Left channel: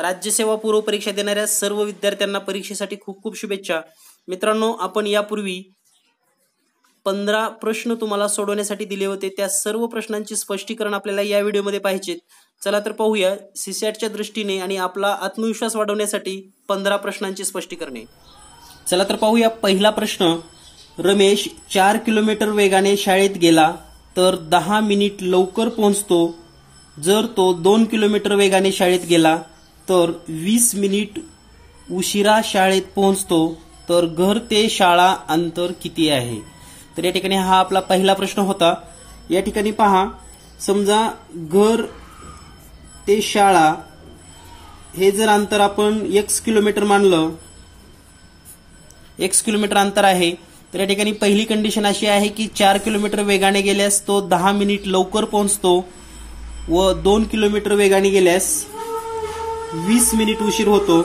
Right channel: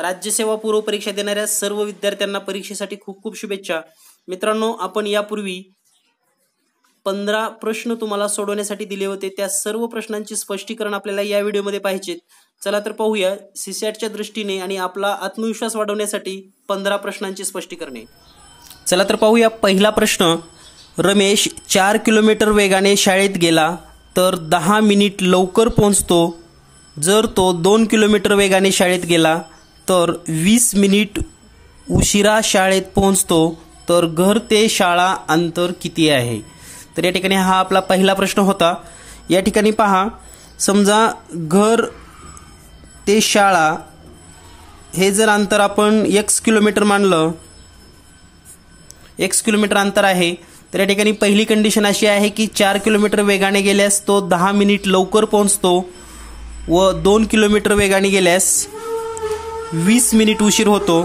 राज्यसेवा पूर्व परीक्षा देणाऱ्या सर्व विद्यार्थ्यांना परीक्षेसाठी खूप खूप शुभेच्छा। मित्रांनो, आपण यापूर्वी 15 प्रश्न तुम्हाला सोडवण्यासाठी दिले होते, त्या सर्व प्रश्नांची स्पष्टीकरण आपल्याला या व्हिडिओमध्ये पाहिजेत। चला तर पाहूया सीसॅटच्या दृष्टीने आणि आपला आत्मविश्वास वाढवण्यासाठी 15 प्रश्नांची स्पष्टीकरणे। चला तर पाहूया पहिला प्रश्न। रमेश 4 किलोमीटर वेगाने शाळेत गेला तर 10 मिनिट लवकर पोहोचतो। जर तो 2 किलोमीटर वेगाने शाळेत गेला तर 20 मिनिट उशिरा शाळेत पोहोचतो, तर घर ते शाळा अंतर किती आहे? तर या ठिकाणी हा आपला पहिला प्रश्न होता। या ठिकाणी पहा, समजा घर ते शाळा हे जर अंतर आपण x किलोमीटर मानलं, x किलोमीटर अंतर आहे, तर या ठिकाणी पहिली कंडिशन अशी आहे की 4 किलोमीटर वेगाने गेल्यास तो 10 मिनिट लवकर पोहोचतो व 2 किलोमीटर वेगाने गेल्यास 20 मिनिट उशीर होतो।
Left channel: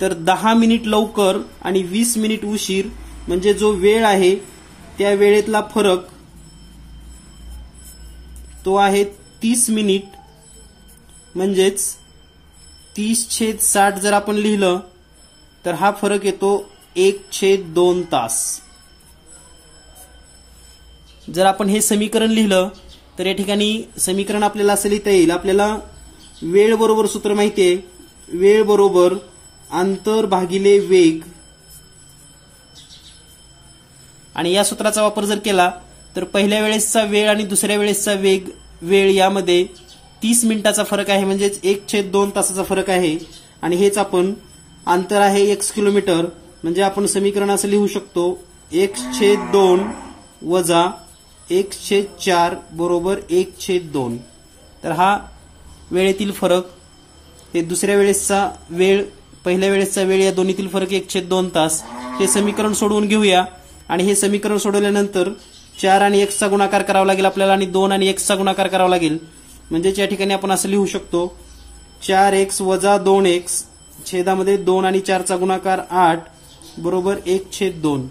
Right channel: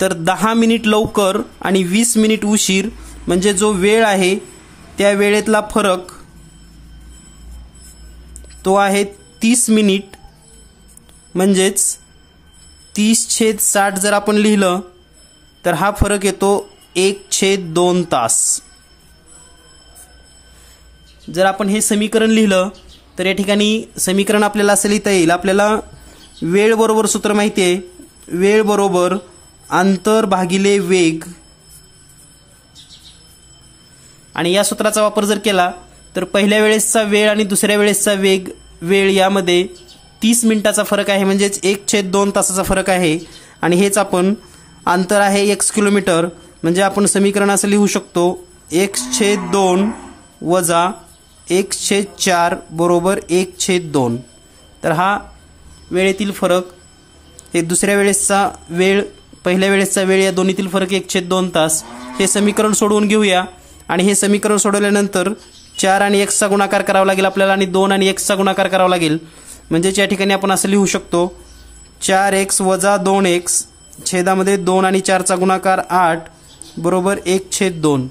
तर 10 मिनिट लवकर आणि 20 मिनिट उशीर म्हणजे जो वेळ आहे त्या वेळेतला फरक तो आहे 30 मिनिट, म्हणजेच 30/60 जर आपण लिहिलं तर हा फरक येतो 1/2 तास। जर आपण हे समीकरण लिहिलं तर या ठिकाणी समीकरण आपल्याला असं लिहिता येईल, आपल्याला वेळ बरोबर सूत्र माहिती आहे, वेळ बरोबर अंतर भागिले वेग, आणि या सूत्राचा वापर जर केला तर पहिल्या वेळेसचा वेळ आणि दुसऱ्या वेळेसचा वेळ यामध्ये 30 मिनिटाचा फरक आहे, म्हणजेच 1/2 तासाचा फरक आहे। आणि हेच आपण अंतर आहे x किलोमीटर, म्हणजे आपण समीकरण असं लिहू शकतो 1/2 वजा 1/4 बरोबर 1/2। तर हा वेळेतील फरक, हे दुसऱ्या वेळेसचा वेळ पहिल्या वेळेसचा वेळ, या दोन्हीतील फरक 1/2 तास। हे समीकरण सोडवून घेऊया आणि हे समीकरण सोडवल्यानंतर 4 आणि x चा गुणाकार करावा लागेल आपल्याला आणि 2 आणि x चा गुणाकार करावा लागेल, म्हणजे या ठिकाणी आपण असं लिहू शकतो 4x वजा 2x छेदामध्ये 2 आणि 4 चा गुणाकार 8 बरोबर 1/2।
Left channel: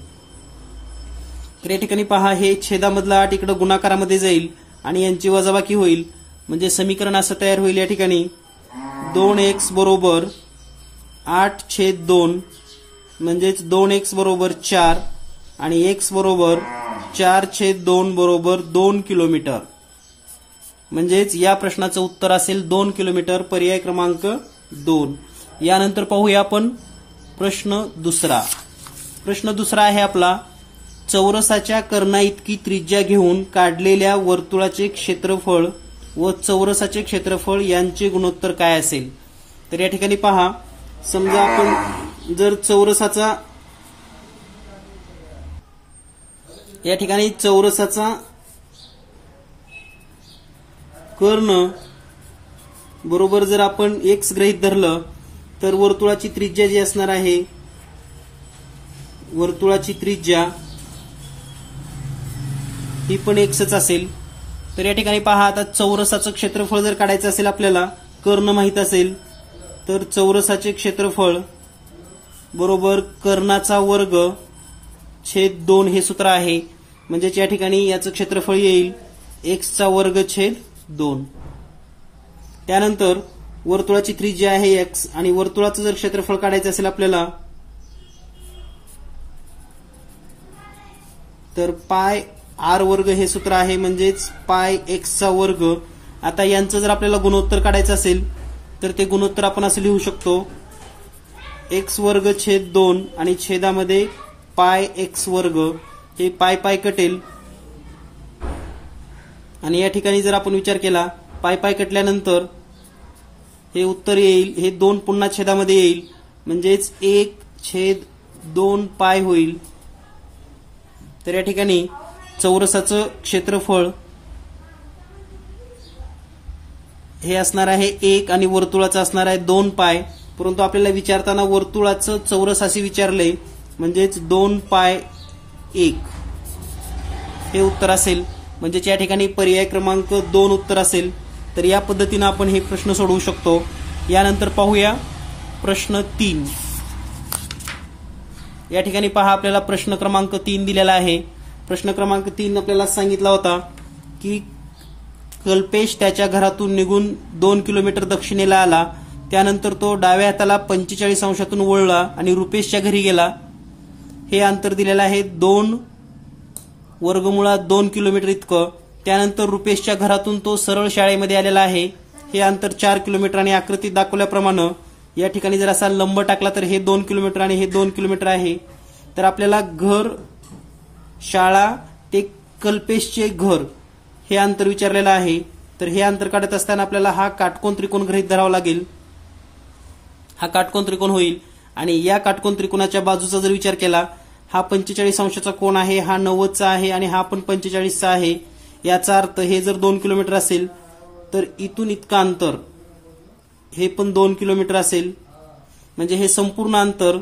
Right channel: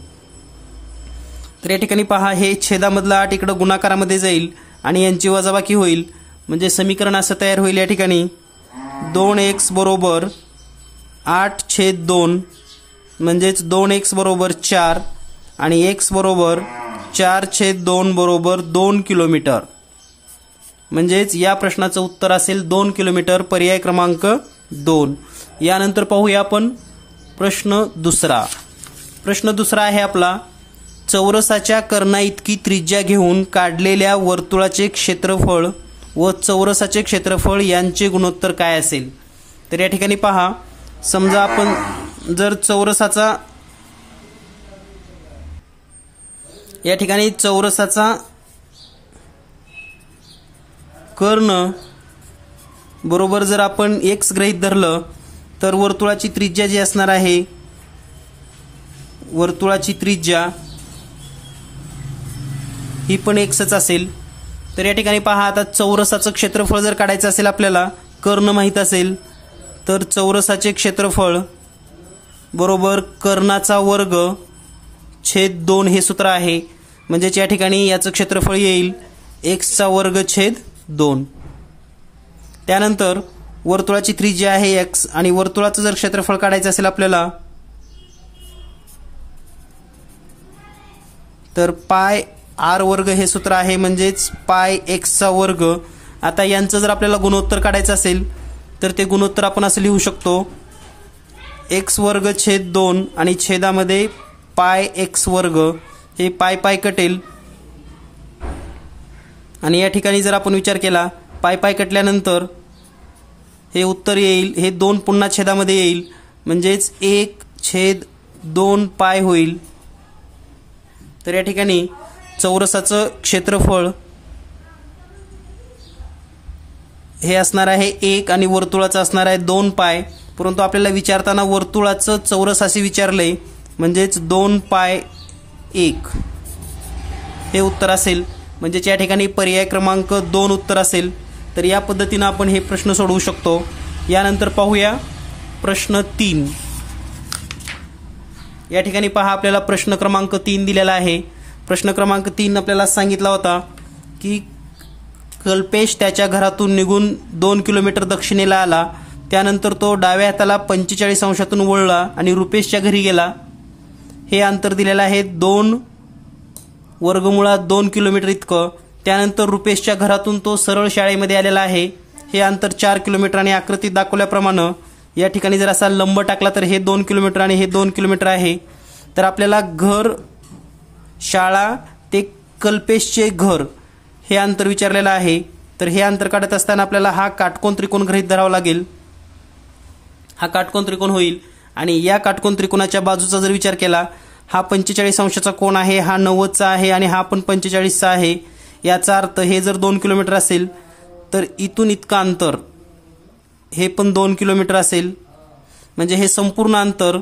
तर या ठिकाणी पहा, हे छेदामधला 8 इकडे गुणाकारामध्ये जाईल आणि यांची वजाबाकी होईल, म्हणजे समीकरण असं तयार होईल। या ठिकाणी 2x बरोबर 8/2 म्हणजेच 2x बरोबर 4 आणि x बरोबर 4/2 बरोबर 2 किलोमीटर, म्हणजेच या प्रश्नाचं उत्तर असेल 2 किलोमीटर, पर्याय क्रमांक 2। यानंतर पाहूया आपण प्रश्न दुसरा। प्रश्न दुसरा आहे आपला, चौरसाच्या कर्णा इतकी त्रिज्या घेऊन काढलेल्या वर्तुळाचे क्षेत्रफळ व चौरसाचे क्षेत्रफळ यांचे गुणोत्तर काय असेल? तर या ठिकाणी पहा, समजा आपण जर चौरसाचा, या ठिकाणी चौरसाचा कर्ण बरोबर जर आपण x गृहीत धरलं तर वर्तुळाची त्रिज्या जी असणार आहे, वर्तुळाची त्रिज्या ही पण xच असेल। तर या ठिकाणी पहा, आता चौरसाचं क्षेत्रफळ जर काढायचं असेल आपल्याला, कर्ण माहित असेल, तर चौरसाचे क्षेत्रफळ बरोबर कर्णाचा वर्ग छेद 2 हे सूत्र आहे, म्हणजे या ठिकाणी याचं क्षेत्रफळ येईल x चा वर्ग छेद 2। त्यानंतर वर्तुळाची त्रिज्या आहे x आणि वर्तुळाचं जर क्षेत्रफळ काढायचं असेल आपल्याला तर पाय r वर्ग हे सूत्र आहे, म्हणजेच पाय x चा वर्ग। आता यांचं जर आपल्याला गुणोत्तर काढायचं असेल तर ते गुणोत्तर आपण असं लिहू शकतो x वर्ग छेद 2 आणि छेदामध्ये पाय x वर्ग, हे पाय पाय कटेल आणि या ठिकाणी जर आपण विचार केला पाय पाय कटल्यानंतर हे उत्तर येईल, हे 2 पुन्हा छेदामध्ये येईल, म्हणजेच 1/2 पाय होईल। तर या ठिकाणी चौरसाचं क्षेत्रफळ हे असणार आहे 1 आणि वर्तुळाचं असणार आहे 2 पाय, परंतु आपल्याला विचारताना वर्तुळाचं चौरसाशी विचारले, म्हणजेच 2 पाय 1 हे उत्तर असेल, म्हणजे या ठिकाणी पर्याय क्रमांक 2 उत्तर असेल। तर या पद्धतीने आपण हे प्रश्न सोडवू शकतो। यानंतर पाहूया प्रश्न 3। या ठिकाणी पहा, आपल्याला प्रश्न क्रमांक 3 दिलेला आहे। प्रश्न क्रमांक 3 आपल्याला सांगितला होता की कल्पेश त्याच्या घरातून निघून 2 किलोमीटर दक्षिणेला आला त्यानंतर तो डाव्या हाताला 45 अंशातून वळला आणि रुपेशच्या घरी गेला. हे अंतर दिलेलं आहे 2 वर्गमुळात 2 किलोमीटर इतकं. त्यानंतर रुपेशच्या घरातून तो सरळ शाळेमध्ये आलेला आहे. हे अंतर 4 किलोमीटर आणि आकृतीत दाखवल्याप्रमाणे या ठिकाणी जर असा लंब टाकला तर हे 2 किलोमीटर आणि हे 2 किलोमीटर आहे. तर आपल्याला घर, शाळा ते कल्पेशचे घर हे अंतर विचारलेलं आहे. तर हे अंतर काढत असताना आपल्याला हा काटकोन त्रिकोण गृहीत धरावा लागेल. हा काटकोन त्रिकोण होईल आणि या काटकोन त्रिकोणाच्या बाजूचा जर विचार केला, हा 45 अंशाचा कोण आहे, हा 90चा आहे आणि हा पण 45चा आहे. याचा अर्थ हे जर 2 किलोमीटर असेल तर इथून इतकं अंतर हे पण 2 किलोमीटर असेल. म्हणजे हे संपूर्ण अंतर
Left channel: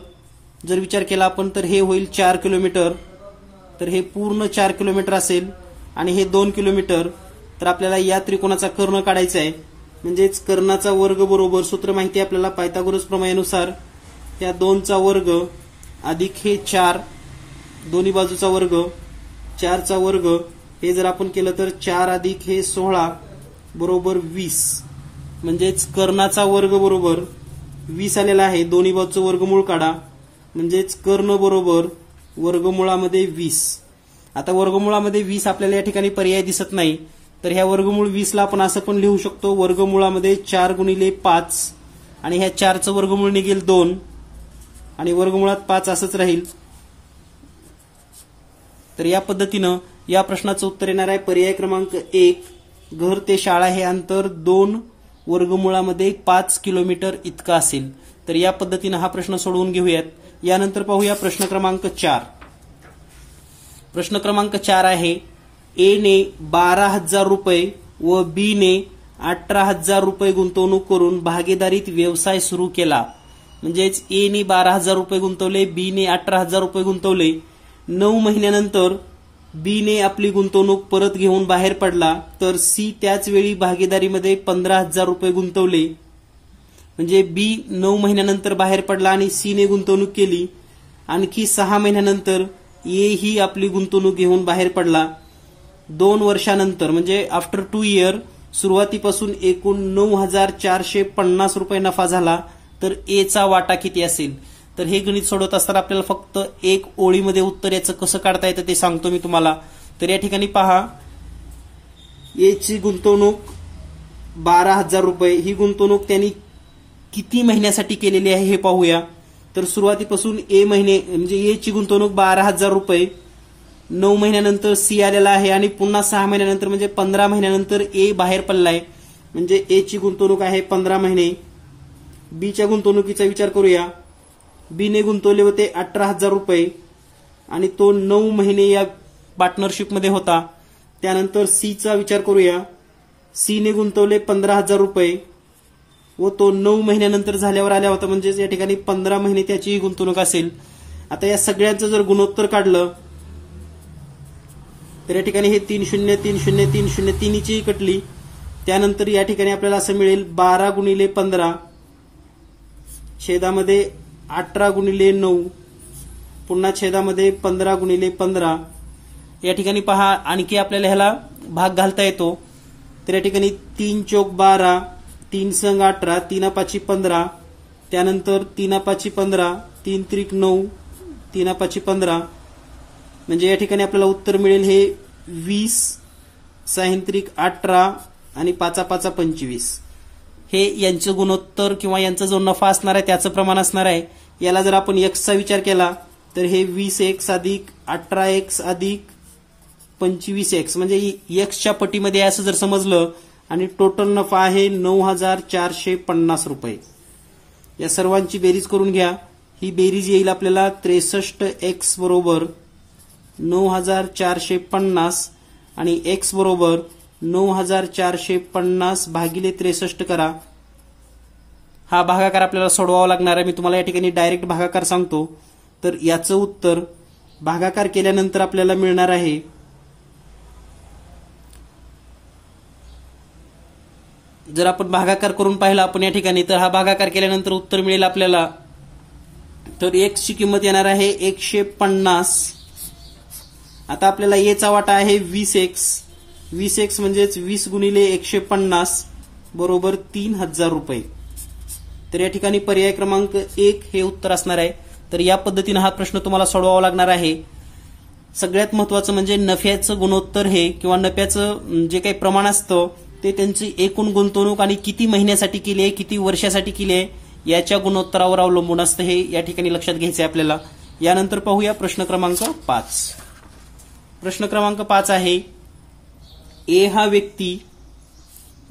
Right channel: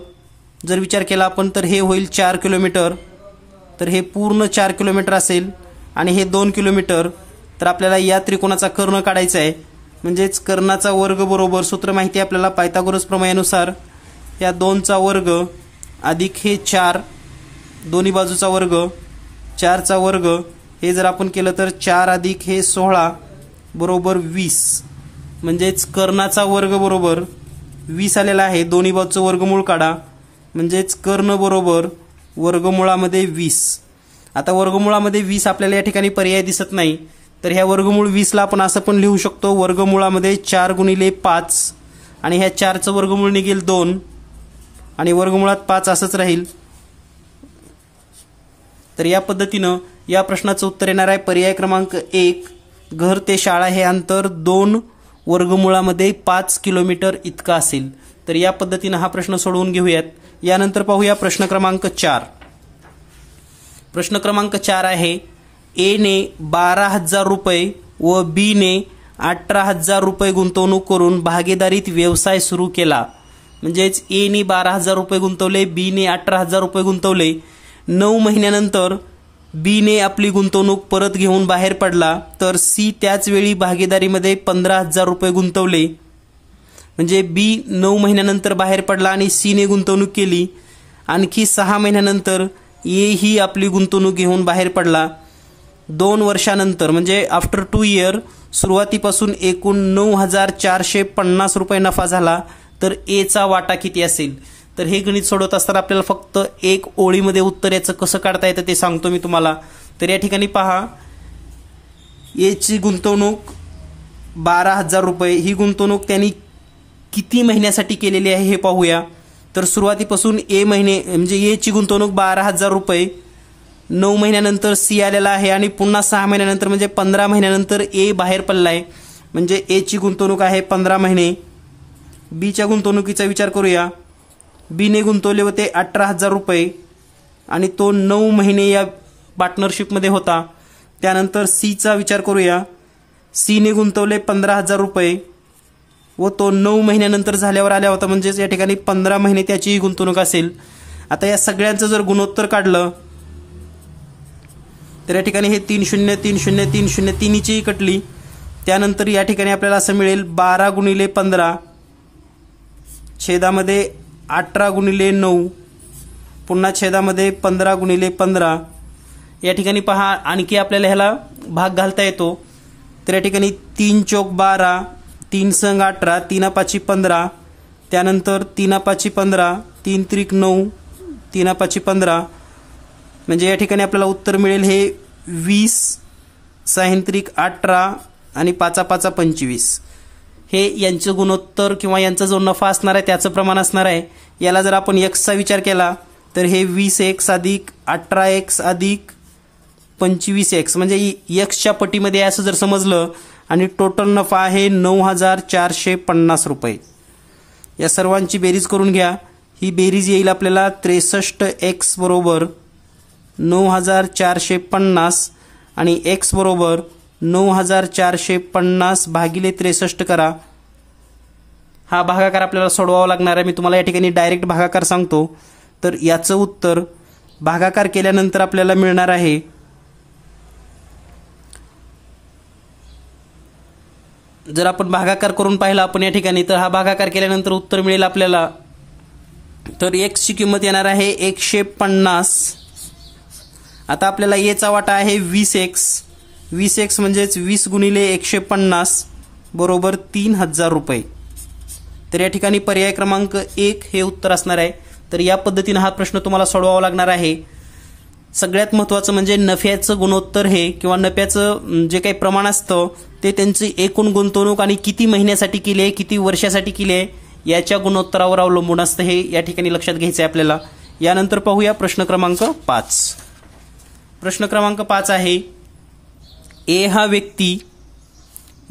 जर विचार केला आपण तर हे होईल 4 किलोमीटर. तर हे पूर्ण 4 किलोमीटर असेल आणि हे 2 किलोमीटर. तर आपल्याला या त्रिकोणाचा कर्ण काढायचा आहे. म्हणजेच कर्णाचा वर्ग बरोबर सूत्र माहिती आपल्याला पायथागोरस प्रमेयानुसार या 2चा वर्ग अधिक हे 4 दोन्ही बाजूचा वर्ग 4चा वर्ग हे जर आपण केलं तर 4 अधिक हे 16 बरोबर 20. म्हणजेच कर्णाचा वर्ग बरोबर 20 आलेला आहे. दोन्ही बाजूचं वर्गमूळ काढा. म्हणजेच कर्ण बरोबर वर्गमुळामध्ये 20. आता वर्गमुळामध्ये 20 आपल्याला या ठिकाणी पर्याय दिसत नाही. तर ह्या वर्गमूळ 20 ला आपण असं पण लिहू शकतो, वर्गमुळामध्ये 4 गुणिले 5 आणि ह्या 4चं वर्गमूळ निघेल 2 आणि वर्गमुळात 5 असंच राहील. तर या पद्धतीनं या प्रश्नाचं उत्तर येणार आहे पर्याय क्रमांक 1. घर ते शाळा हे अंतर 2 वर्गमुळामध्ये 5 किलोमीटर इतका असेल. तर या पद्धतीनं हा प्रश्न सोडवून घेऊयात. यानंतर पाहूया प्रश्न क्रमांक 4. प्रश्न क्रमांक 4 आहे, ए ने 12,000 रुपये व बी ने 18,000 रुपये गुंतवणूक करून भागीदारीत व्यवसाय सुरू केला. म्हणजेच ए ने 12,000 रुपये गुंतवले, बी ने 18,000 रुपये गुंतवले. 9 महिन्यानंतर बी ने आपली गुंतवणूक परत घेऊन बाहेर पडला. तर सी त्याच वेळी भागीदारीमध्ये 15,000 रुपये गुंतवले. म्हणजे बी 9 महिन्यानंतर बाहेर पडला आणि सी ने गुंतवणूक केली. आणखी 6 महिन्यानंतर ए ही आपली गुंतवणूक घेऊन बाहेर पडला. 2 वर्षानंतर म्हणजे आफ्टर 2 इयर सुरुवातीपासून एकूण 9,450 रुपये नफा झाला. तर ए चा वाटा किती असेल. तर हे गणित सोडवत असताना आपल्याला फक्त एक ओळीमध्ये उत्तर याचं कसं काढता येतं ते सांगतो मी तुम्हाला. तर या ठिकाणी पहा, ए ची गुंतवणूक 12,000 रुपये. ही गुंतवणूक त्यांनी किती महिन्यासाठी केलेली आहे हे पाहूया. तर सुरुवातीपासून ए महिने म्हणजे ए ची गुंतवणूक 12,000 रुपये. 9 महिन्यानंतर सी आलेला आहे आणि पुन्हा 6 महिन्यानंतर म्हणजे 15 महिन्यानंतर ए बाहेर पडलाय. म्हणजे ए ची गुंतवणूक आहे 15 महिने. बी च्या गुंतवणुकीचा विचार करूया. बी ने गुंतवले होते 18,000 रुपये आणि तो 9 महिने या पार्टनरशिपमध्ये होता. त्यानंतर सी चा विचार करूया. सी ने गुंतवले 15,000 रुपये व तो 9 महिन्यानंतर झाल्यावर आला होता. म्हणजेच या ठिकाणी 15 महिने त्याची गुंतवणूक असेल. आता या सगळ्यांचं जर गुणोत्तर काढलं तर या ठिकाणी हे 3 0 3 0 3 0 तिन्हीचीही कटली. त्यानंतर या ठिकाणी आपल्याला असं मिळेल 12 गुणिले 15 छेदामध्ये 18 गुणिले 9 पुन्हा छेदामध्ये 15 गुणिले 15. या ठिकाणी पहा आणखी आपल्याला ह्याला भाग घालता येतो. तर या ठिकाणी 3 चौक 12 3 संग 18 3 पाची 15 त्यानंतर 3 पाची 15 3 त्रिक 9 3 पाची 15. म्हणजे या ठिकाणी आपल्याला उत्तर मिळेल हे 20 6 त्रिक 18 आणि 5 5 25. हे यांचं गुणोत्तर किंवा यांचा जो नफा असणार आहे त्याचं प्रमाण असणार आहे. याला जर आपण एक्सचा विचार केला तर हे 20x अधिक 18x अधिक 25x म्हणजे एक्सच्या पटीमध्ये असं जर समजलं आणि टोटल नफा आहे 9,450 रुपये. या सर्वांची बेरीज करून घ्या. ही बेरीज येईल आपल्याला 63x बरोबर 9,450 आणि x बरोबर 9,450 भागिले 63 करा. हा भागाकार आपल्याला सोडवावा लागणार आहे. मी तुम्हाला या ठिकाणी डायरेक्ट भागाकार सांगतो. तर याचं उत्तर भागाकार केल्यानंतर आपल्याला मिळणार आहे जर आपण भागाकार करून पाहिला आपण या ठिकाणी तर हा भागाकार केल्यानंतर उत्तर मिळेल आपल्याला. तर x ची किंमत येणार आहे 150. आता आपल्याला ए चा वाटा आहे 20x. 20x म्हणजेच 20 गुणिले 150 बरोबर 3,000 रुपये. तर या ठिकाणी पर्याय क्रमांक 1 हे उत्तर असणार आहे। तर या पद्धतीने हा प्रश्न तुम्हाला सोडवावा लागणार आहे। सगळ्यात महत्त्वाचं म्हणजे नफ्याचं गुणोत्तर हे किंवा नफ्याचं जे काही प्रमाण असतं ते त्यांची एकूण गुंतवणूक आणि किती महिन्यासाठी केली आहे, किती वर्षासाठी केली आहे याच्या गुणोत्तरावर अवलंबून असतं, हे या ठिकाणी लक्षात घ्यायचं आहे आपल्याला। यानंतर पाहूया प्रश्न क्रमांक 5। प्रश्न क्रमांक 5 आहे, ए हा व्यक्ती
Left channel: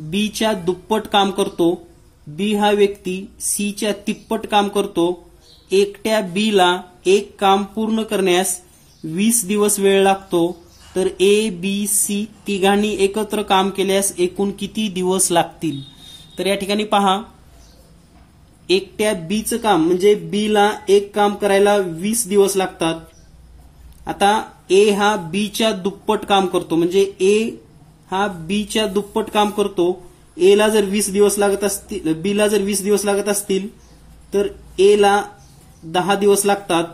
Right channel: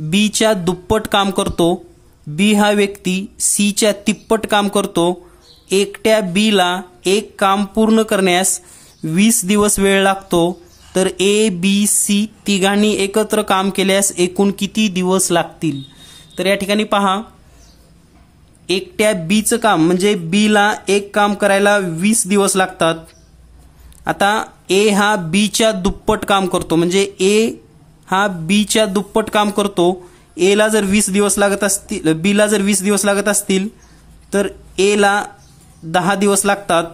बी च्या दुप्पट काम करतो, बी हा व्यक्ती सी च्या तिप्पट काम करतो, एकट्या बी ला एक काम पूर्ण करण्यास 20 दिवस वेळ लागतो, तर ए बी सी तिघांनी एकत्र काम केल्यास एकूण किती दिवस लागतील। तर या ठिकाणी पहा, एकट्या बीचं काम म्हणजे बी ला एक काम करायला 20 दिवस लागतात। आता ए हा बी च्या दुप्पट काम करतो, म्हणजे ए हा बी च्या दुप्पट काम करतो। ए ला जर 20 दिवस लागत असतील, बी ला जर 20 दिवस लागत असतील तर ए ला 10 दिवस लागतात।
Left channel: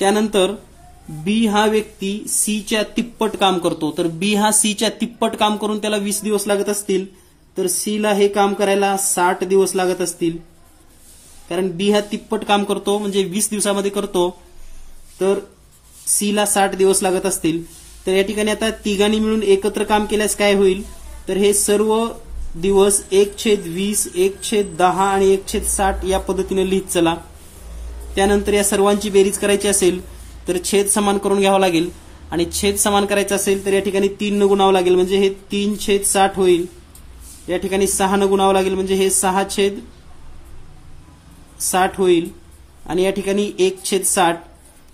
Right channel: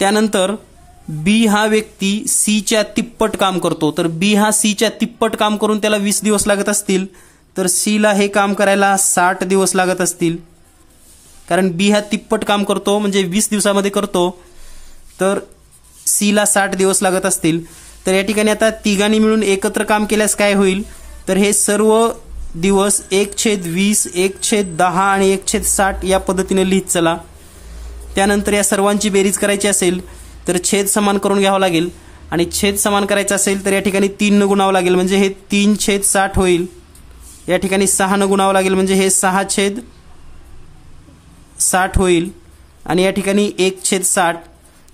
त्यानंतर बी हा व्यक्ती सी च्या तिप्पट काम करतो, तर बी हा सी च्या तिप्पट काम करून त्याला 20 दिवस लागत असतील, तर सी ला हे काम करायला 60 दिवस लागत असतील। कारण बी हा तिप्पट काम करतो म्हणजे 20 दिवसामध्ये करतो, तर सी ला 60 दिवस लागत असतील। तर या ठिकाणी आता तिघांनी मिळून एकत्र काम केल्यास काय होईल, तर हे सर्व दिवस 1/20, 1/10 आणि 1/60 या पद्धतीने लिहित चला। त्यानंतर या सर्वांची बेरीज करायची असेल तर छेद समान करून घ्यावा लागेल, आणि छेद समान करायचा असेल तर या ठिकाणी 3 न गुणावं लागेल, म्हणजे हे 3/60 होईल। या ठिकाणी 6 न गुणावं लागेल, म्हणजे हे 6/60 होईल, आणि या ठिकाणी 1/60।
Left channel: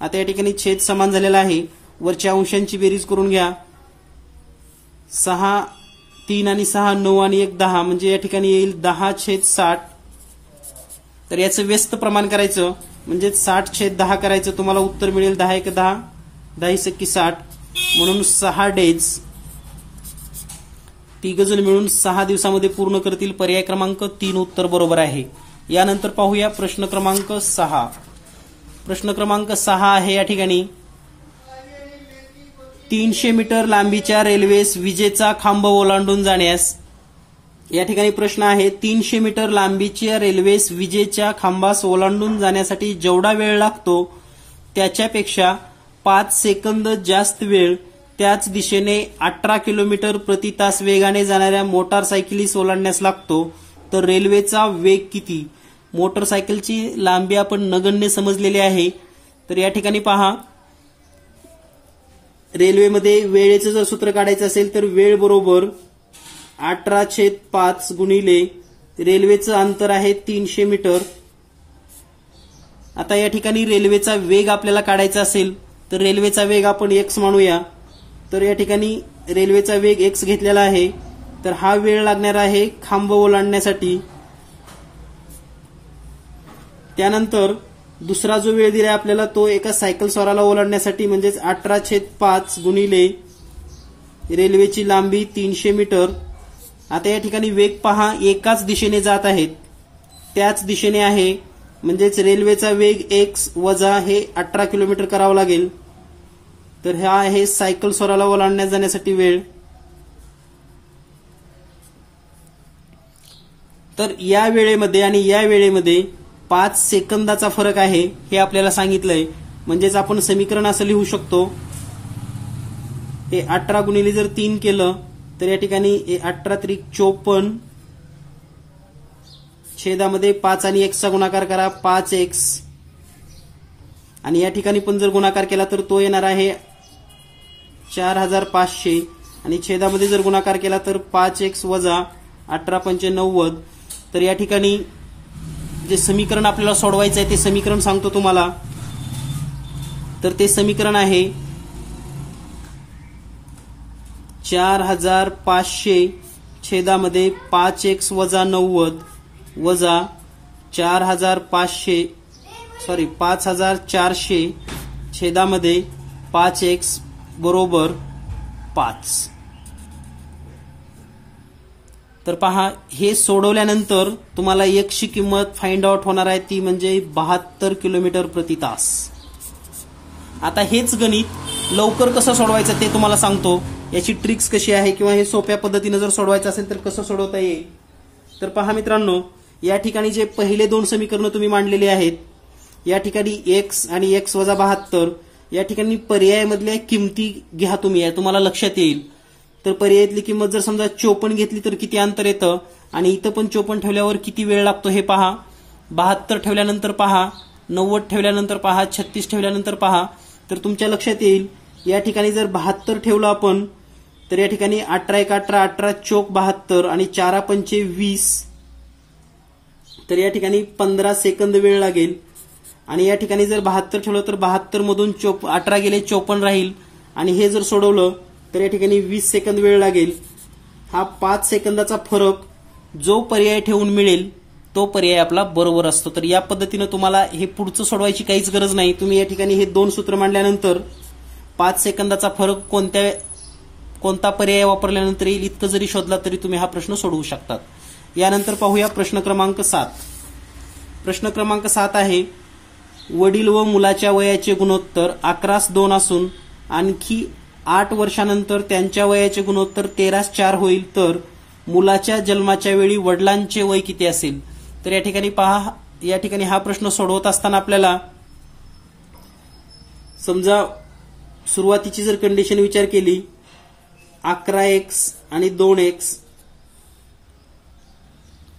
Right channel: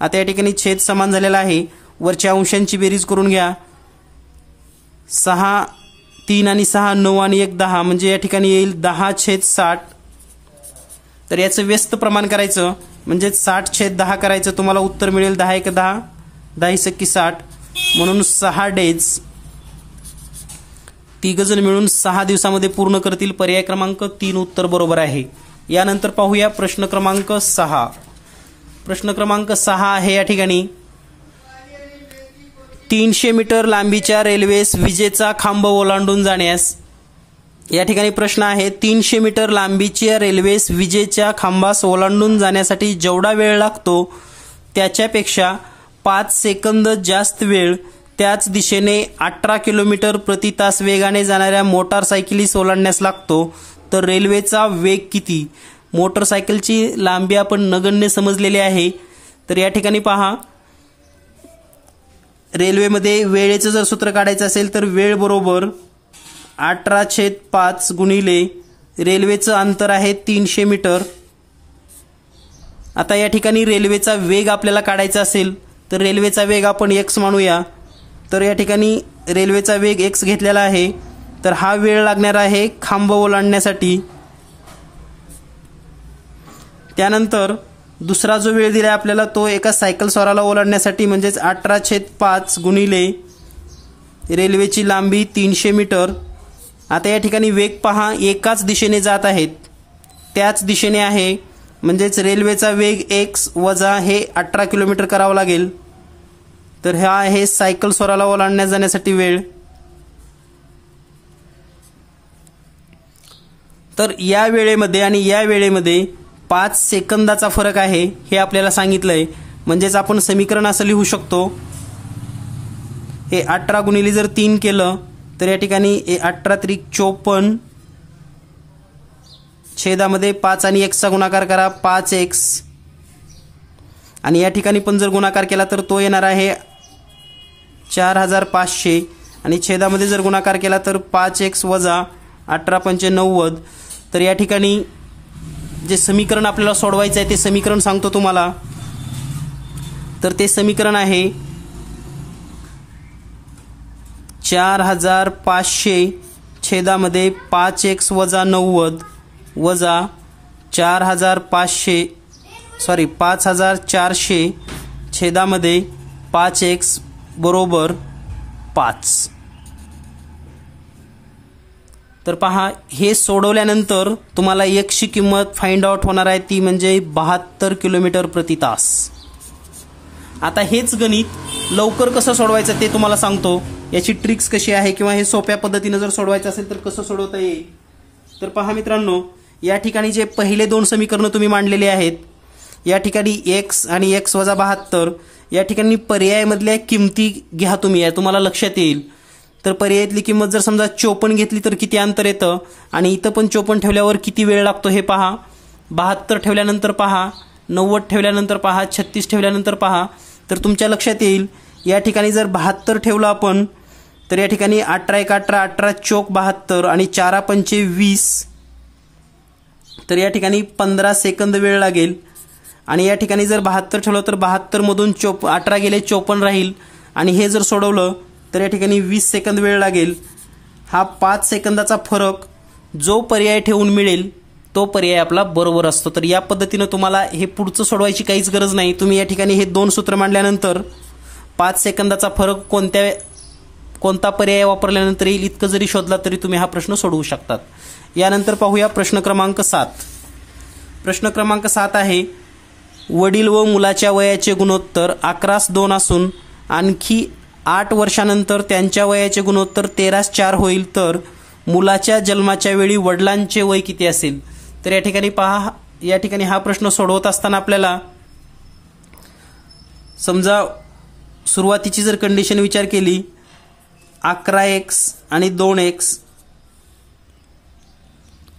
आता या ठिकाणी छेद समान झालेला आहे, वरच्या अंशांची बेरीज करून घ्या। 6 3 आणि 6 9 आणि 1 10, म्हणजे या ठिकाणी येईल 10/60। तर याचं व्यस्त प्रमाण करायचं म्हणजे 60/10 करायचं, तुम्हाला उत्तर मिळेल 10 1 10, 10 1 60, म्हणून 6 डेज तिघजण मिळून 6 दिवसामध्ये पूर्ण करतील। पर्याय क्रमांक 3 उत्तर बरोबर आहे। यानंतर पाहूया प्रश्न क्रमांक 6। प्रश्न क्रमांक 6 आहे या ठिकाणी, 300 मीटर लांबीच्या रेल्वेस विजेचा खांब ओलांडून जाण्यास, या ठिकाणी प्रश्न आहे 300 मीटर लांबीच्या रेल्वेस विजेच्या खांबास ओलांडून जाण्यासाठी जेवढा वेळ लागतो त्याच्यापेक्षा 5 सेकंद जास्त वेळ त्याच दिशेने 18 किलोमीटर प्रति तास वेगाने जाणाऱ्या मोटारसायकलीस ओलांडण्यास लागतो, तर रेल्वेचा वेग किती। मोटारसायकलची लांबी आपण नगण्य समजलेली आहे। तर या ठिकाणी पहा, रेल्वेमध्ये वेळेचं जर सूत्र काढायचं असेल तर वेळ बरोबर 18/5 गुणिले रेल्वेचं अंतर आहे 300 मीटर। आता या ठिकाणी रेल्वेचा वेग आपल्याला काढायचा असेल तर रेल्वेचा वेग आपण x मानूया। तर या ठिकाणी रेल्वेचा वेग x घेतलेला आहे, तर हा वेळ लागणार आहे खांब ओलांडण्यासाठी। त्यानंतर दुसरा जो वेळ दिला आपल्याला तो एका सायकल स्वाराला ओलांडण्यासाठी, म्हणजेच 18/5 गुणिले रेल्वेची लांबी 300 मीटर। आता या ठिकाणी वेग पहा, एकाच दिशेने जात आहेत, त्याच दिशेने आहे, म्हणजेच रेल्वेचा वेग x वजा हे 18 किलोमीटर करावं लागेल। तर हा आहे सायकल स्वाराला ओलांडण्यास जाण्यासाठी वेळ। तर या वेळेमध्ये आणि या वेळेमध्ये 5 सेकंदाचा फरक आहे हे आपल्याला सांगितलंय, म्हणजेच आपण समीकरण असं लिहू शकतो, हे 18 गुणिले जर 3 केलं तर या ठिकाणी 18 त्रिक 54, छेदामध्ये 5 आणि x चा गुणाकार करा 5x, आणि या ठिकाणी पण जर गुणाकार केला तर तो येणार आहे 4500, आणि छेदामध्ये जर गुणाकार केला तर 5x वजा 18 पंचे 90। तर या ठिकाणी जे समीकरण आपल्याला सोडवायचं आहे ते समीकरण सांगतो तुम्हाला। तर ते समीकरण आहे 4500 छेदामध्ये 5x वजा 90 वजा 5400 छेदामध्ये 5x बरोबर 5। तर पहा, हे सोडवल्यानंतर तुम्हाला x ची किंमत फाइंड आउट होणार आहे, ती म्हणजे 72 किलोमीटर प्रति तास। आता हेच गणित लवकर कसं सोडवायचं ते तुम्हाला सांगतो, याची ट्रिक्स कशी आहे किंवा हे सोप्या पद्धतीने जर सोडवायचं असेल तर कसं सोडवता येईल तर पहा मित्रांनो, या ठिकाणी जे पहिले दोन समीकरण तुम्ही मांडलेले आहेत, या ठिकाणी x आणि x वजा 72, या ठिकाणी पर्यायामधल्या किमती घ्या तुम्ही, तुम्हाला लक्षात येईल. तर पर्यायातली किंमत जर समजा 54 घेतली तर किती अंतर येतं, आणि इथं पण 54 ठेवल्यावर किती वेळ लागतो हे पहा. 72 ठेवल्यानंतर पहा, 90 ठेवल्यानंतर पहा, 36 ठेवल्यानंतर पहा. तर तुमच्या लक्षात येईल या ठिकाणी जर 72 ठेवलं आपण तर या ठिकाणी 18 1 18, 18 चोक 72 आणि 4 पंचे 20, तर या ठिकाणी 15 सेकंद वेळ लागेल. आणि या ठिकाणी जर 72 ठेवलं तर 72 मधून 18 गेले 54 राहील, आणि हे जर सोडवलं तर या ठिकाणी 20 सेकंद वेळ लागेल. हा 5 सेकंदाचा फरक जो पर्याय ठेवून मिळेल तो पर्याय आपला बरोबर असतो. तर या पद्धतीने तुम्हाला हे पुढचं सोडवायची काहीच गरज नाही. तुम्ही या ठिकाणी हे दोन सूत्र मांडल्यानंतर 5 सेकंदाचा फरक कोणता पर्याय वापरल्यानंतर येईल इतकं जरी शोधला तरी तुम्ही हा प्रश्न सोडवू शकतात. यानंतर पाहूया प्रश्न क्रमांक 7. प्रश्न क्रमांक 7 आहे, वडील व मुलाच्या वयाचे गुणोत्तर 11:2 असून आणखी 8 वर्षानंतर त्यांच्या वयाचे गुणोत्तर 13:4 होईल, तर मुलाच्या जन्माच्या वेळी वडिलांचे वय किती असेल. तर या ठिकाणी पहा, या ठिकाणी हा प्रश्न सोडवत असताना आपल्याला समजा सुरुवातीची जर कंडिशन विचार केली, 11x आणि 2x,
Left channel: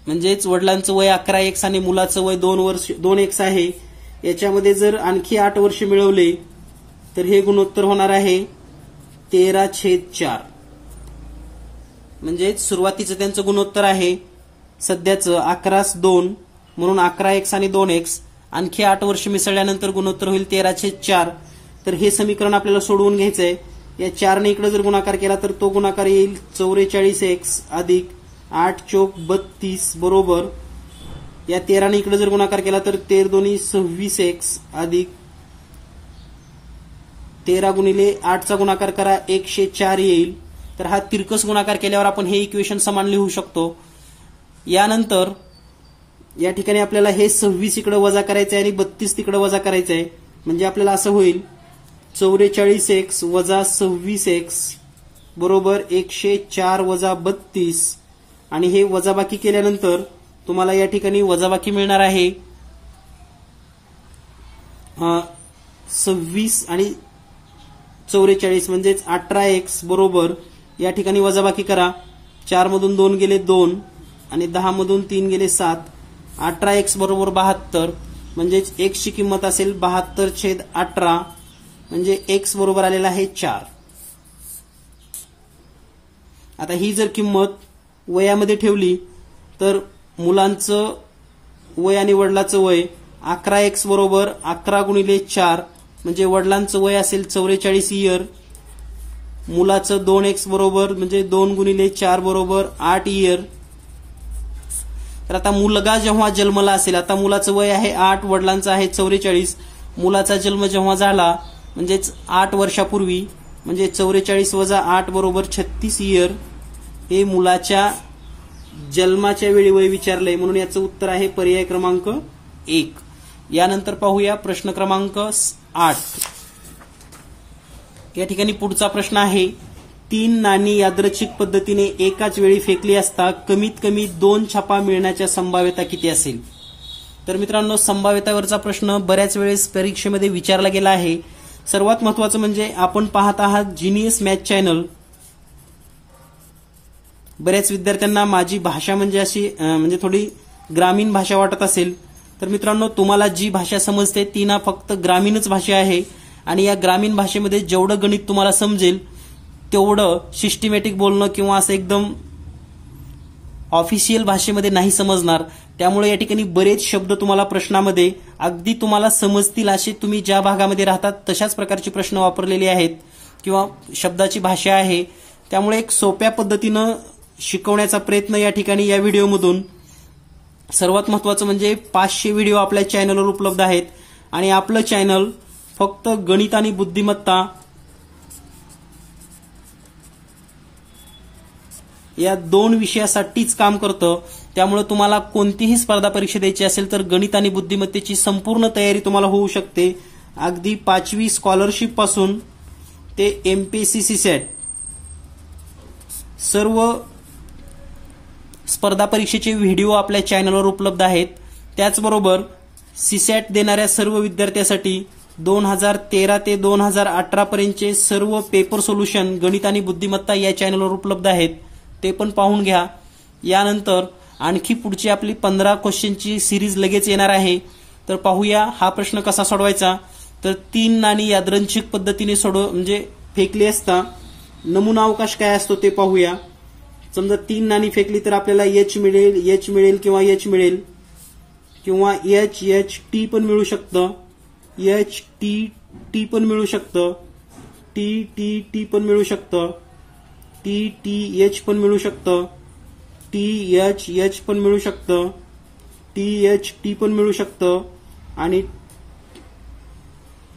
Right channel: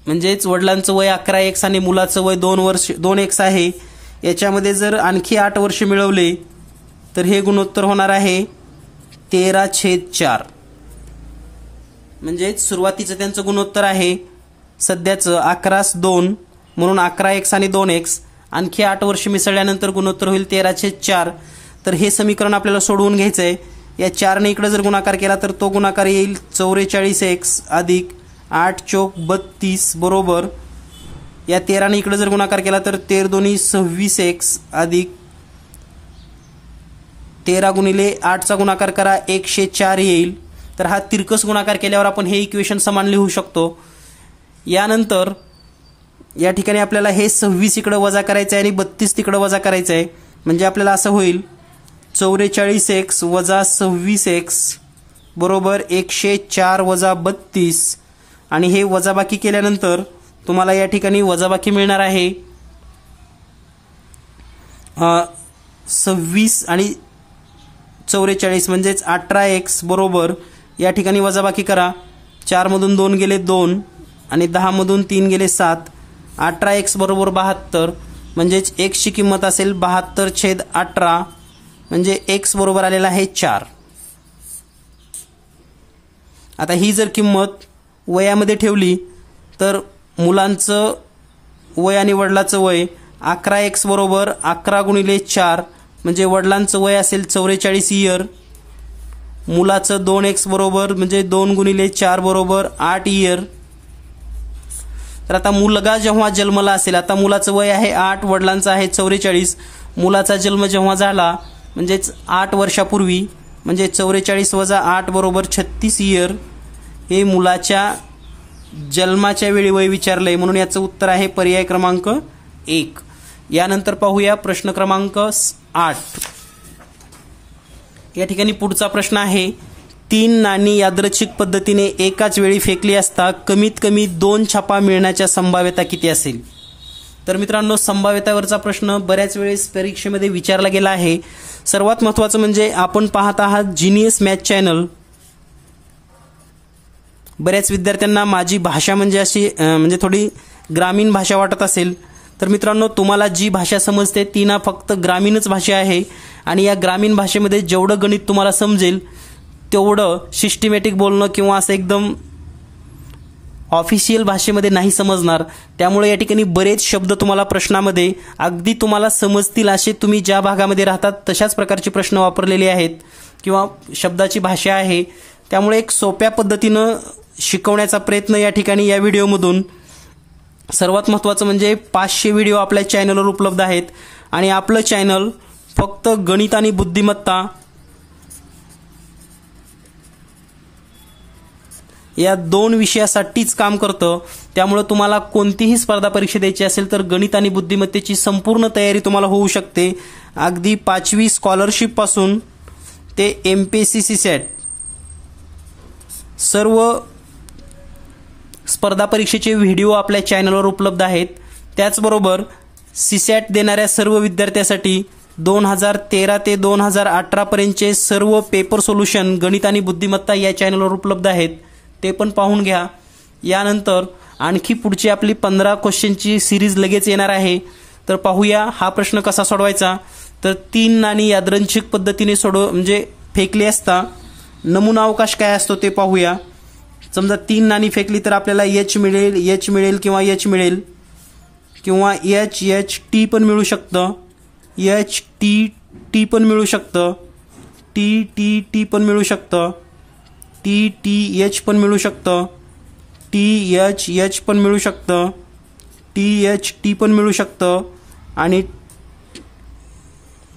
म्हणजेच वडिलांचं वय 11x आणि मुलाचं वय 2x आहे. याच्यामध्ये जर आणखी 8 वर्ष मिळवले तर हे गुणोत्तर होणार आहे 13/4. म्हणजेच सुरुवातीचं त्यांचं गुणोत्तर आहे सध्याचं 11:2, म्हणून 11x आणि 2x, आणखी 8 वर्ष मिसळल्यानंतर गुणोत्तर होईल 13/4. तर हे समीकरण आपल्याला सोडवून घ्यायचं आहे. या 4 ने इकडे जर गुणाकार केला तर तो गुणाकार येईल 44x अधिक 8 चोक 32 बरोबर, या 13 ने इकडे जर गुणाकार केला तर 13 दोन्ही 26x अधिक 13 गुणिले 8चा गुणाकार करा 104 येईल. तर हा तिरकस गुणाकार केल्यावर आपण हे इक्वेशन समान लिहू शकतो. यानंतर या ठिकाणी आपल्याला हे 26 इकडे वजा करायचं आहे आणि 32 तिकडे वजा करायचं आहे, म्हणजे आपल्याला असं होईल 44x वजा 26x बरोबर 104 वजा 32, आणि हे वजाबाकी केल्यानंतर तुम्हाला या ठिकाणी वजाबाकी मिळणार आहे 26 आणि 44 म्हणजेच 18x बरोबर, या ठिकाणी वजाबाकी करा, 4 मधून 2 गेले 2 आणि 10 मधून 3 गेले 7, 18x बरोबर 72, म्हणजेच x ची किंमत असेल 72/18, म्हणजे x बरोबर आलेला आहे 4. आता ही जर किंमत वयामध्ये ठेवली तर मुलांचं वय आणि वडिलांचं वय 11x बरोबर 11 गुणिले 4, म्हणजे वडिलांचं वय असेल 44 इयर, मुलाचं 2x बरोबर म्हणजे 2 गुणिले 4 बरोबर 8 इयर. तर आता मुलगा जेव्हा जन्मला असेल, आता मुलाचं वय आहे 8, वडिलांचं आहे 44, मुलाचा जन्म जेव्हा झाला म्हणजेच 8 वर्षापूर्वी, म्हणजे 44 वजा 8 बरोबर 36 इयर, हे मुलाच्या जन्माच्या वेळी वय विचारलंय, म्हणून याचं उत्तर आहे पर्याय क्रमांक 1. यानंतर पाहूया प्रश्न क्रमांक 8. या ठिकाणी पुढचा प्रश्न आहे, 3 नाणी यादृच्छिक पद्धतीने एकाच वेळी फेकली असता कमीत कमी 2 छापा मिळण्याच्या संभाव्यता किती असेल. तर मित्रांनो, संभाव्यतावरचा प्रश्न बऱ्याच वेळेस परीक्षेमध्ये विचारला गेला आहे. सर्वात महत्त्वाचं म्हणजे आपण पाहत आहात जीनियस मॅथ चॅनल. बऱ्याच विद्यार्थ्यांना माझी भाषा म्हणजे अशी म्हणजे थोडी ग्रामीण भाषा वाटत असेल, तर मित्रांनो तुम्हाला जी भाषा समजते ती ना फक्त ग्रामीणच भाषा आहे, आणि या ग्रामीण भाषेमध्ये जेवढं गणित तुम्हाला समजेल तेवढं सिस्टमॅटिक बोलणं किंवा असं एकदम ऑफिशियल भाषेमध्ये नाही समजणार. त्यामुळे या ठिकाणी बरेच शब्द तुम्हाला प्रश्नामध्ये अगदी तुम्हाला समजतील असे तुम्ही ज्या भागामध्ये राहतात तशाच प्रकारचे प्रश्न वापरलेले आहेत किंवा शब्दाची भाषा आहे. त्यामुळे एक सोप्या पद्धतीनं शिकवण्याचा प्रयत्न या ठिकाणी या व्हिडिओमधून. सर्वात महत्त्वाचं म्हणजे 500 व्हिडिओ आपल्या चॅनलवर उपलब्ध आहेत, आणि आपलं चॅनल फक्त गणित आणि बुद्धिमत्ता या 2 विषयासाठीच काम करतं. त्यामुळे तुम्हाला कोणतीही स्पर्धा परीक्षा द्यायची असेल तर गणित आणि बुद्धिमत्तेची संपूर्ण तयारी तुम्हाला होऊ शकते. अगदी 5वी स्कॉलरशिप पासून ते MPSC CSAT सर्व स्पर्धा परीक्षेचे व्हिडिओ आपल्या चॅनलवर उपलब्ध आहेत. त्याचबरोबर सीसॅट देणाऱ्या सर्व विद्यार्थ्यांसाठी 2013 ते 2018 पर्यंतचे सर्व पेपर सोल्युशन गणित आणि बुद्धिमत्ता या चॅनलवर उपलब्ध आहेत. ते पण पाहून घ्या. यानंतर आणखी पुढची आपली 15 क्वेश्चनची सिरीज लगेच येणार आहे. तर पाहूया हा प्रश्न कसा सोडवायचा. तर 3 नाणी यादृच्छिक पद्धतीने म्हणजे फेकली असता नमुना अवकाश काय असतो ते पाहूया. समजा 3 नाणी फेकली तर आपल्याला एच मिळेल किंवा एच मिळेल किंवा एच टी पण मिळू शकतं, एच टी पण मिळू शकतं, टी पण मिळू शकतं, टी एच पण मिळू शकतं, टी एच पण मिळू शकतं, टी पण मिळू शकतं आणि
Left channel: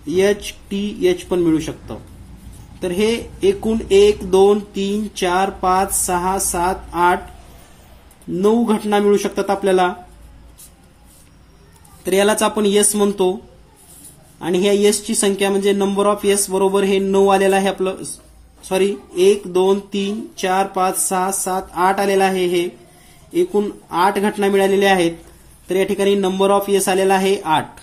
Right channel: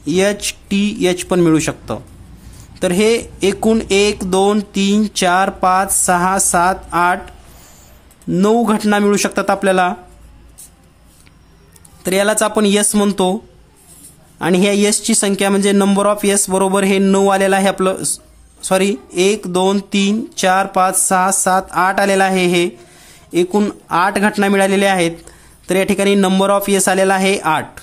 एच पण मिळू शकतं. तर हे एकूण 1 2 3 4 5 6 7 8 9 घटना मिळू शकतात आपल्याला. तर यालाच आपण यस म्हणतो आणि ह्या यसची संख्या म्हणजे नंबर ऑफ यस बरोबर हे 9 आलेलं आहे आपलं. 1 2 3 4 5 6 7 8 आलेला आहे. हे एकूण 8 घटना मिळालेल्या आहेत. तर या ठिकाणी नंबर ऑफ यस आलेला आहे 8.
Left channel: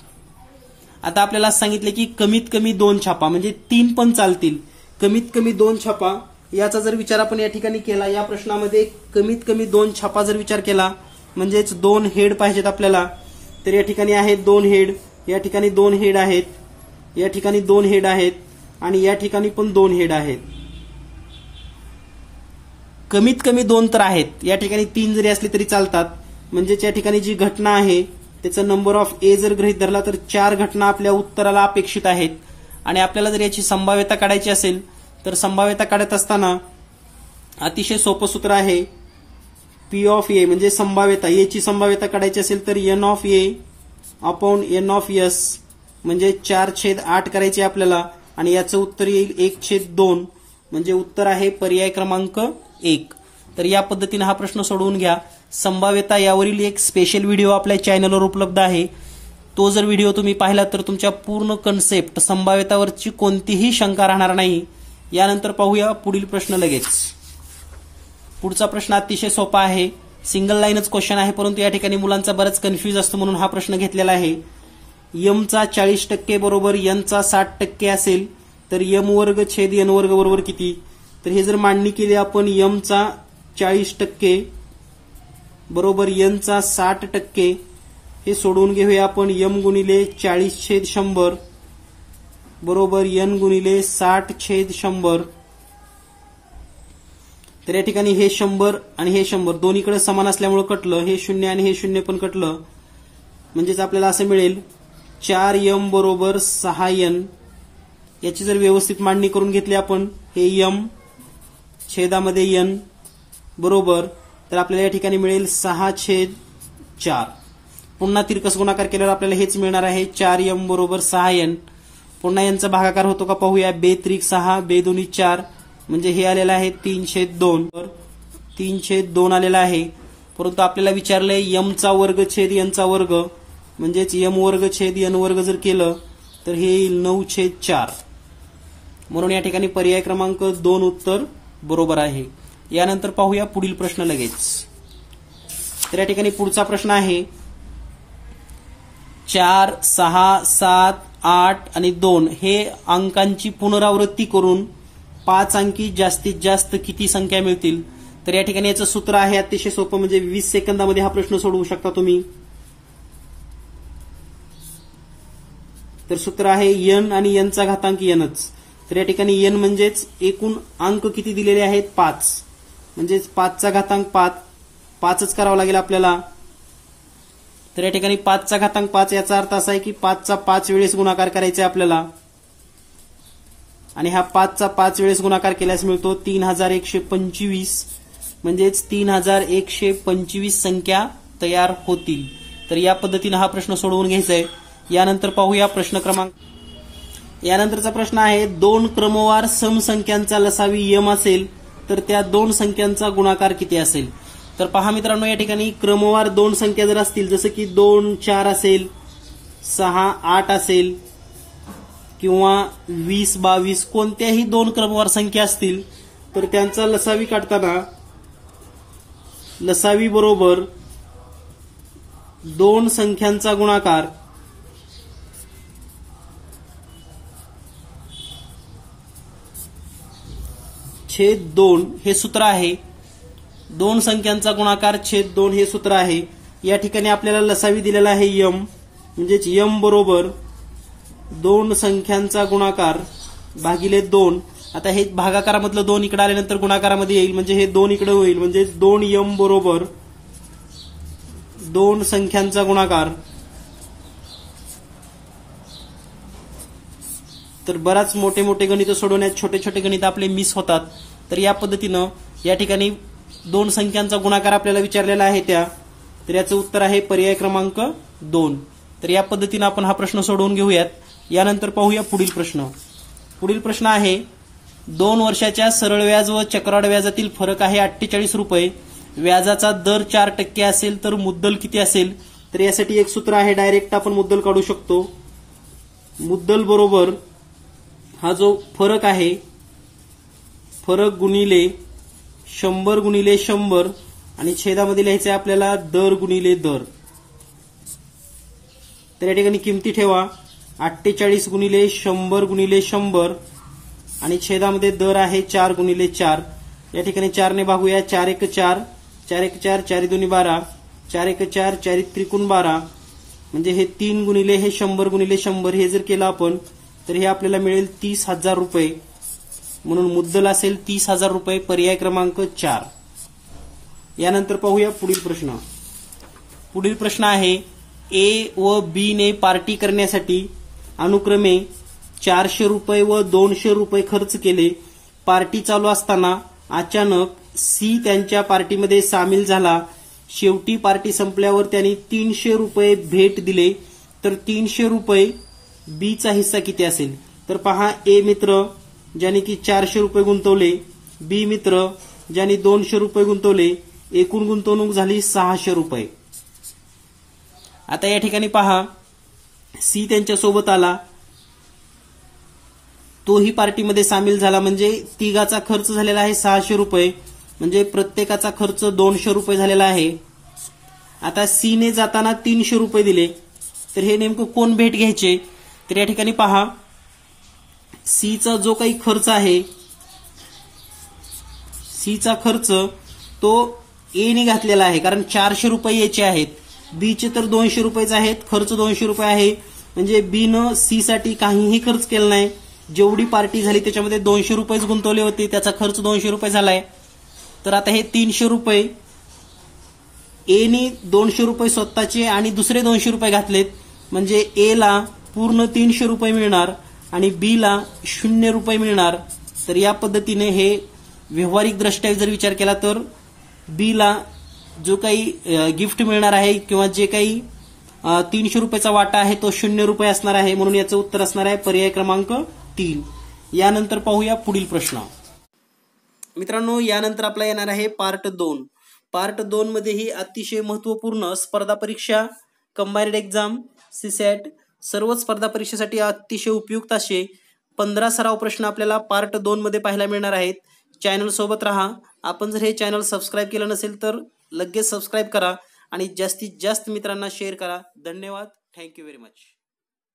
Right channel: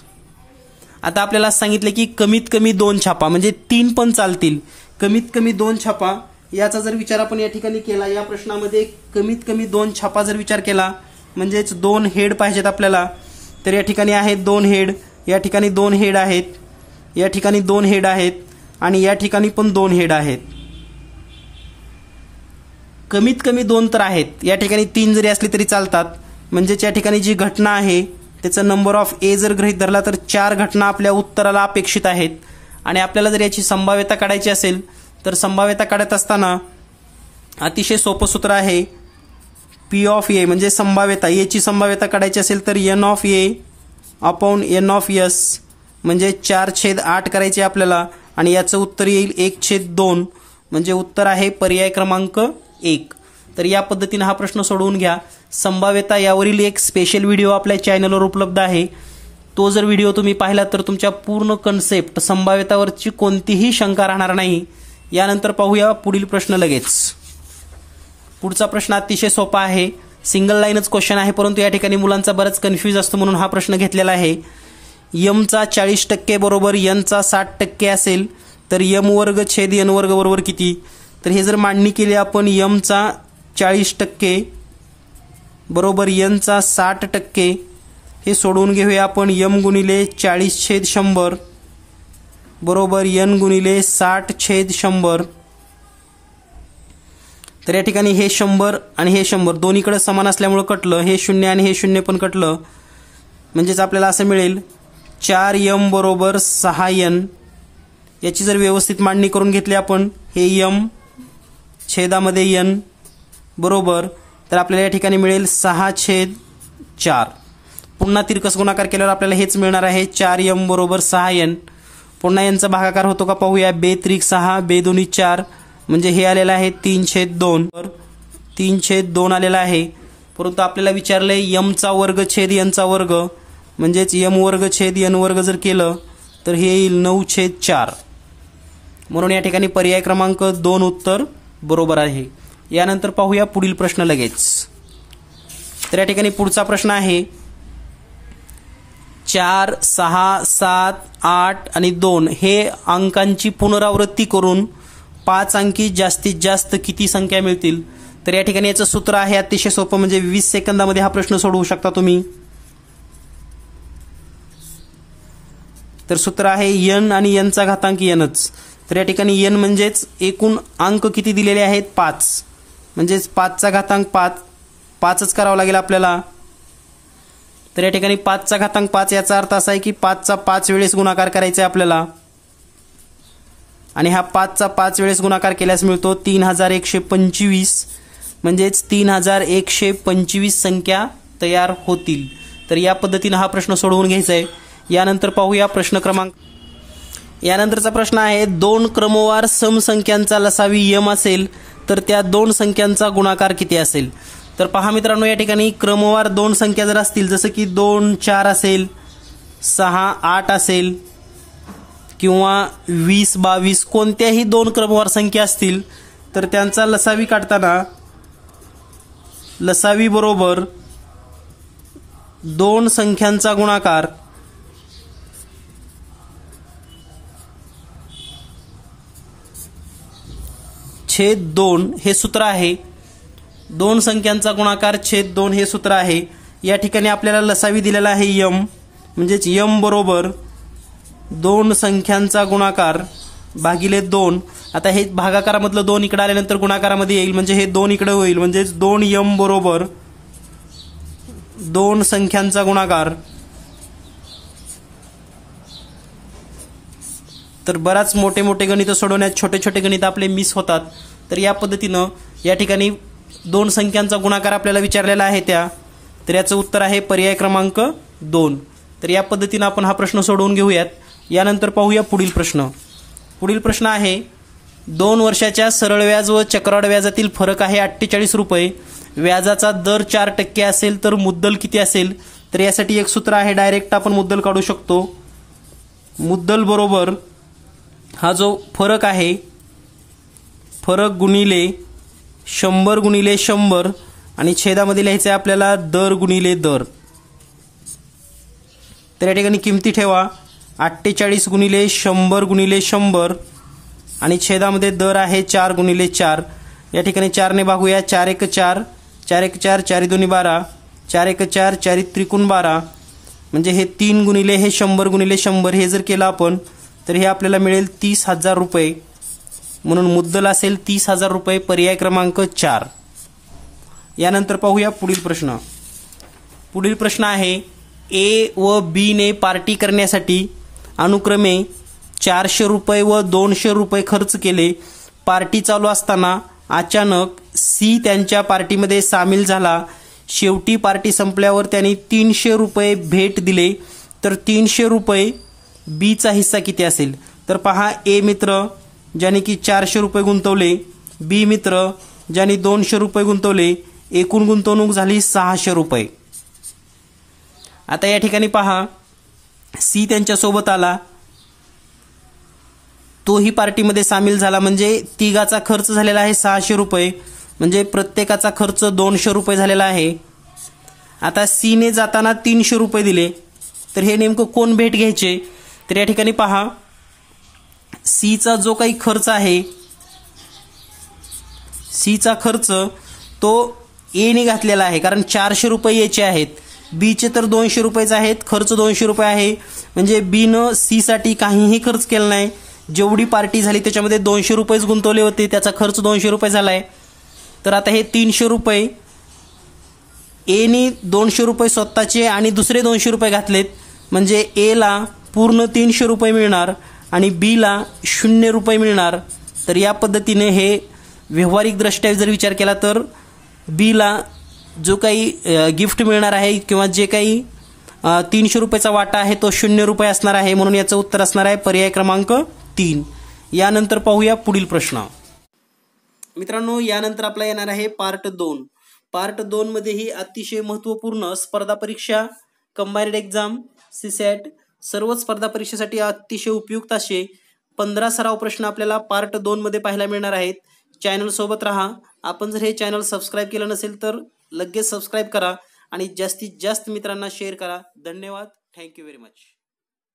आता आपल्याला सांगितले की कमीत कमी 2 छापा म्हणजे 3 पण चालतील. कमीत कमी 2 छापा याचा जर विचार आपण या ठिकाणी केला, या प्रश्नामध्ये कमीत कमी 2 छापा जर विचार केला म्हणजेच 2 हेड पाहिजेत आपल्याला. तर या ठिकाणी आहेत 2 हेड, या ठिकाणी 2 हेड आहेत, या ठिकाणी 2 हेड आहेत आणि या ठिकाणी पण 2 हेड आहेत. कमीत कमी 2 तर आहेत. या ठिकाणी 3 जरी असली तरी चालतात. म्हणजेच या ठिकाणी जी घटना आहे त्याचा नंबर ऑफ ए जर गृहीत धरला तर 4 घटना आपल्या उत्तराला अपेक्षित आहेत. आणि आपल्याला जर याची संभाव्यता काढायची असेल तर संभाव्यता काढत असताना अतिशय सोपं सूत्र आहे. पी ऑफ ए म्हणजे संभाव्यता, एची संभाव्यता काढायची असेल तर n of A upon n of S म्हणजे 4/8 करायचे आपल्याला आणि याचं उत्तर येईल 1/2 म्हणजे उत्तर आहे पर्याय क्रमांक 1. तर या पद्धतीने हा प्रश्न सोडवून घ्या. संभाव्यता यावरील एक स्पेशल व्हिडिओ आपल्या चॅनलवर उपलब्ध आहे. तो जर व्हिडिओ तुम्ही पाहिला तर तुमच्या पूर्ण कन्सेप्ट संभाव्यतावरची कोणतीही शंका राहणार नाही. यानंतर पाहूया पुढील प्रश्न लगेच. पुढचा प्रश्न अतिशय सोपा आहे. सिंगल लाईनच क्वेश्चन आहे परंतु या ठिकाणी मुलांचा बराच कन्फ्यूज असतो म्हणून हा प्रश्न घेतलेला आहे. यमचा 40% बरोबर यनचा 60% असेल तर यम वर्ग छेद यन वर्ग बरोबर किती. तर हे जर मांडणी केली आपण यमचा 40% बरोबर यनचा 60% हे सोडवून घेऊया आपण. यम गुणिले 40/100 बरोबर यन गुणिले 60/100. तर या ठिकाणी हे 100 आणि हे 100 दोन्हीकडे समान असल्यामुळे कटलं. हे 0 आणि हे 0 पण कटलं. म्हणजेच आपल्याला असं मिळेल 4m बरोबर 6n. याची जर व्यवस्थित मांडणी करून घेतली आपण हे यम छेदामध्ये n बरोबर तर आपल्याला या ठिकाणी मिळेल 6/4. पुन्हा तिरकस गुणाकार केल्यावर आपल्याला हेच मिळणार आहे 4m बरोबर 6n. पुन्हा यांचा भागाकार होतो का पाहूया. 2×6 2×4 म्हणजे हे आलेलं आहे 3/2. 3/2 आलेला आहे. परंतु आपल्याला विचारलंय यमचा वर्ग छेद यनचा वर्ग म्हणजेच यम वर्ग छेद यन वर्ग जर केलं तर हे येईल 9/4. म्हणून या ठिकाणी पर्याय क्रमांक 2 उत्तर बरोबर आहे. यानंतर पाहूया पुढील प्रश्न लगेच. तर या ठिकाणी पुढचा प्रश्न आहे 4 6 7 8 आणि 2 हे अंकांची पुनरावृत्ती करून 5 अंकी जास्तीत जास्त किती संख्या मिळतील. तर या ठिकाणी याचं सूत्र आहे अतिशय सोपं म्हणजे 20 सेकंदामध्ये हा प्रश्न सोडवू शकता तुम्ही. तर सूत्र आहे n आणि n चा घातांक nच. तर या ठिकाणी n म्हणजेच एकूण अंक किती दिलेले आहेत 5 म्हणजेच 5 चा घातांक 5च करावा लागेल आपल्याला. तर या ठिकाणी 5 चा घातांक 5 याचा अर्थ असा आहे की 5 चा 5 वेळेस गुणाकार करायचा आहे आपल्याला आणि हा 5 चा 5 वेळेस गुणाकार केल्यास मिळतो 3125 म्हणजेच 3125 संख्या तयार होतील. तर या पद्धतीने हा प्रश्न सोडवून घ्यायचा आहे. यानंतर पाहूया प्रश्न क्रमांक. यानंतरचा प्रश्न आहे 2 क्रमवार समसंख्यांचा लसावी यम असेल तर त्या 2 संख्यांचा गुणाकार किती असेल. तर पहा मित्रांनो या ठिकाणी क्रमवार 2 संख्या जर असतील जसं की 2 4 असेल 6 8 असेल किंवा 20 22 कोणत्याही 2 क्रमवार संख्या असतील तर त्यांचा लसावी काढताना लसावी बरोबर 2 संख्यांचा गुणाकार छेद 2 हे सूत्र आहे. 2 संख्यांचा गुणाकार छेद 2 हे सूत्र आहे. या ठिकाणी आपल्याला लसावी दिलेला आहे m, म्हणजेच m बरोबर 2 संख्यांचा गुणाकार भागिले 2. आता हे भागाकारामधलं 2 इकडे आल्यानंतर गुणाकारामध्ये येईल, म्हणजे हे 2 इकडे होईल, म्हणजेच 2m बरोबर 2 संख्यांचा गुणाकार. तर बराच मोठे मोठे गणित सोडवण्यात छोटे छोटे गणित आपले मिस होतात. तर या पद्धतीनं या ठिकाणी 2 संख्यांचा गुणाकार आपल्याला विचारलेला आहे त्या, तर याचं उत्तर आहे पर्याय क्रमांक 2. तर या पद्धतीनं आपण हा प्रश्न सोडवून घेऊयात. यानंतर पाहूया पुढील प्रश्न. पुढील प्रश्न आहे 2 वर्षाच्या सरळ व्याज व चक्रवाढ व्याजातील फरक आहे 48 रुपये. व्याजाचा दर 4% असेल तर मुद्दल किती असेल? तर यासाठी एक सूत्र आहे, डायरेक्ट आपण मुद्दल काढू शकतो. मुद्दल बरोबर हा जो फरक आहे, फरक गुणिले 100 गुणिले 100 आणि छेदामध्ये लिहायचं आहे आपल्याला दर गुणिले दर. तर या ठिकाणी किमती ठेवा 48 गुणिले 100 गुणिले 100 आणि छेदामध्ये दर आहे 4 गुणिले 4. या ठिकाणी 4 ने भागूया. 4 1 4, 4 1 4, 4 2 12, 4 1 4, 4 3 12, म्हणजे हे 3 गुणिले हे 100 गुणिले 100 हे जर केलं आपण तर हे आपल्याला मिळेल 30,000 रुपये. म्हणून मुद्दल असेल 30,000 रुपये, पर्याय क्रमांक 4. यानंतर पाहूया पुढील प्रश्न. पुढील प्रश्न आहे ए व बी ने पार्टी करण्यासाठी अनुक्रमे 400 रुपये व 200 रुपये खर्च केले. पार्टी चालू असताना अचानक सी त्यांच्या पार्टीमध्ये सामील झाला. शेवटी पार्टी संपल्यावर त्यांनी 300 रुपये भेट दिले. तर 300 रुपये बीचा हिस्सा किती असेल? तर पहा, ए मित्र ज्याने की 400 रुपये गुंतवले, बी मित्र ज्याने 200 रुपये गुंतवले, एकूण गुंतवणूक झाली 600 रुपये. आता या ठिकाणी पहा, सी त्यांच्यासोबत आला, तोही पार्टीमध्ये सामील झाला, म्हणजे तिघाचा खर्च झालेला आहे 600 रुपये, म्हणजे प्रत्येकाचा खर्च 200 रुपये झालेला आहे. आता सी ने जाताना 300 रुपये दिले, तर हे नेमकं कोण भेट घ्यायचे? तर या ठिकाणी पहा, सीचा जो काही खर्च आहे, सीचा खर्च तो ए ने घातलेला आहे, कारण 400 रुपये याचे आहेत. बीचे तर 200 रुपयेच आहेत, खर्च 200 रुपये आहे, म्हणजे बी न सी साठी काहीही खर्च केला नाही. जेवढी पार्टी झाली त्याच्यामध्ये 200 रुपयेच गुंतवले होते, त्याचा खर्च 200 रुपये झालाय. तर आता हे 300 रुपये ए ने 200 रुपये स्वतःचे आणि दुसरे 200 रुपये घातलेत, म्हणजे ए ला पूर्ण 300 रुपये मिळणार आणि बी ला 0 रुपये मिळणार. तर या पद्धतीने हे व्यावहारिक दृष्ट्या जर विचार केला तर बी ला जो काही गिफ्ट मिळणार आहे किंवा जे काही 300 रुपयाचा वाटा आहे तो 0 रुपये असणार आहे. म्हणून याचं उत्तर असणार आहे पर्याय क्रमांक 3. यानंतर पाहूया पुढील प्रश्न. मित्रांनो, यानंतर आपला येणार आहे पार्ट 2. पार्ट 2 मध्ये ही अतिशय महत्त्वपूर्ण स्पर्धा परीक्षा, कंबाइंड एक्झाम, सीसॅट, सर्व स्पर्धा परीक्षेसाठी अतिशय उपयुक्त असे 15 सराव प्रश्न आपल्याला पार्ट 2 मध्ये पाहायला मिळणार आहेत. चॅनल सोबत राहा. आपण जर हे चॅनल सबस्क्राईब केलं नसेल तर लगेच सबस्क्राईब करा आणि जास्तीत जास्त मित्रांना शेअर करा. धन्यवाद. Thank you very much.